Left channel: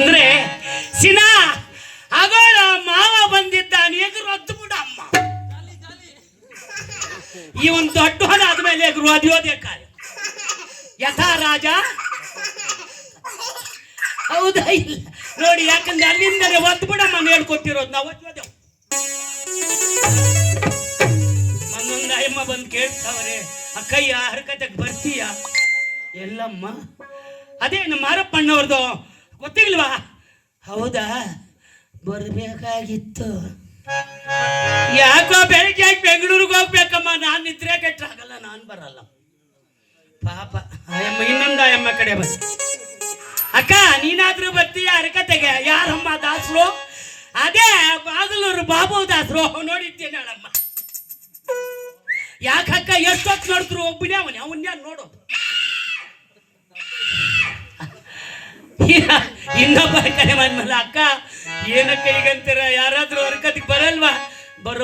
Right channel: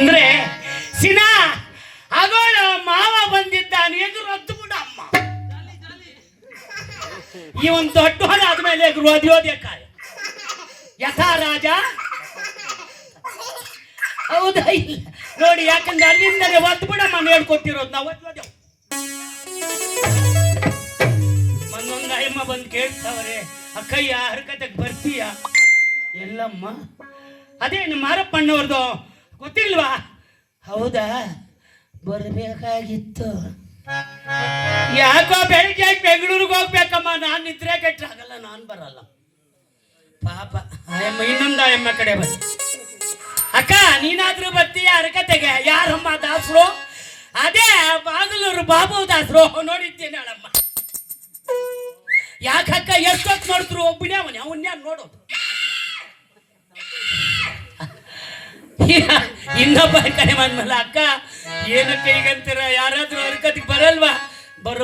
ಅಂದ್ರೆ ಸಿನಾ ಅವಳ ಮಾವ ಬಂದಿದ್ದಾನೆ ಎದುರು ಹೊತ್ತು ಬಿಡ ಅಮ್ಮ. ಇವನ್ ದೊಡ್ಡವನಾದ್ಮೇಲೆ ಎದುರು ಅದ್ಯೋದೇ ಕಾಯ ಯಥಾ ರಾಜ. ಹೌದಾ ಇಲ್ಲ ನೋಡಿ, ಯಾಕಂದ್ರೆ ಅಲ್ಲಿಂದಲೇ ಒತ್ತು ಬಿಡಮ್ಮ ಹೇಳ್ಕೊಟ್ಟಿರೋದು ನಾವು ಒತ್ತೋದೆವು. ಒಂದೊಂದು ಅಯ್ಯಮ್ಮ ಬಂದು ಕೇಳ್ತಾವ್ರೆ, ಅಕ್ಕಯ್ಯ ಹರಕತೆಗೆ ಬರ್ತೀಯ? ಎಲ್ಲಮ್ಮ? ಅದೇ ನಮ್ಮ ಮಾರಪ್ಪಣ್ಣವ್ರದು ಗೊತ್ತಿಲ್ವಾ? ಹೌದಾ, ಬರ್ಬೇಕಾಗಿತ್ತು. ಯಾಕೋ ಬೆಳಿಗ್ಗೆ ಆಗಿ ಬೆಂಗಳೂರಿಗೆ ಹೋಗ್ಬೇಕಮ್ಮ, ನಾನು ನಿದ್ರೆ ಕೆಟ್ಟಾಗಲ್ಲ, ನಾನು ಬರಲ್ಲ. ಪಾಪ ಅಯ್ಯಮ್ಮ ಇನ್ನೊಂದು ಅಯ್ಯಮ್ಮ ಕಡೆ ಬಂದು, ಅಕ್ಕ ನೀನಾದ್ರೂ ಬರ್ತೀಯ ಹರಕತೆಗೆ? ಯಾರಮ್ಮ ದಾಸರು? ಅದೇ ಬಾಗಲೂರು ಬಾಬು ದಾಸರು, ನೋಡಿದ್ದೇನೆ ಅಳಮ್ಮ. ಯಾಕಕ್ಕ ಎಷ್ಟೊತ್ತು ನೋಡಿದ್ರು ಒಬ್ಬನೇ ಅವನ್ಯಾನ್ ನೋಡೋದು. ಇನ್ನೊಬ್ಬ ಕರೆ ಬಂದ್ಮಲ್ಲ, ಅಕ್ಕ ಏನಕ್ಕ ಈಗಂತೀರ, ಯಾರಾದ್ರೂ ಹರಕತಿಗೆ ಬರಲ್ವಾ? ಬರೋ